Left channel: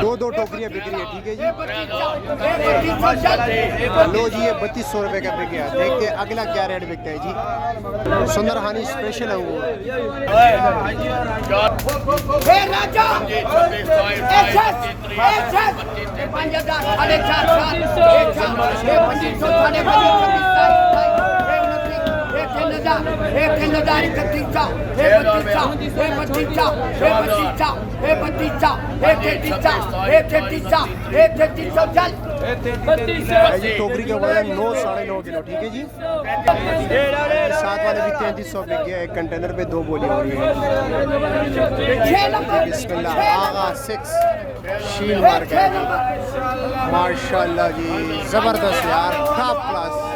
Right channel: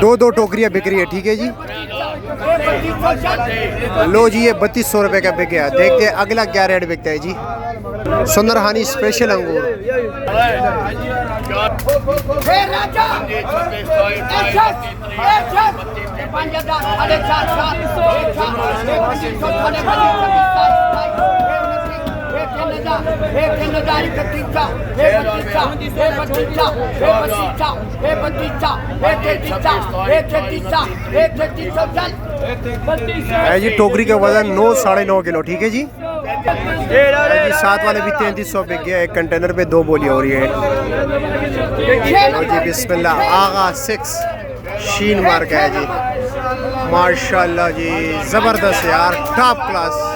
दो दो टोकरियाँ बिक रही है, ठीक है जी। लो जी, ये 3200 रुपये का बिक गया। देखते हैं अगला क्या रेट बिकता है जी। सुंदरहानी स्पेशल अंगूर जी। टोकरी का वजन 9 साढ़े 9 किलो, ठीक है जी। साथ वाले भी 3300 बिक गया। एक कंटेनर पे 2 बोलियाँ हो रही है जी। बिस्मिल्लाह, आगा 6 शीन मार्क है जी। माशाल्लाह जी, ज़बरदस्त यार, टॉप क्लास।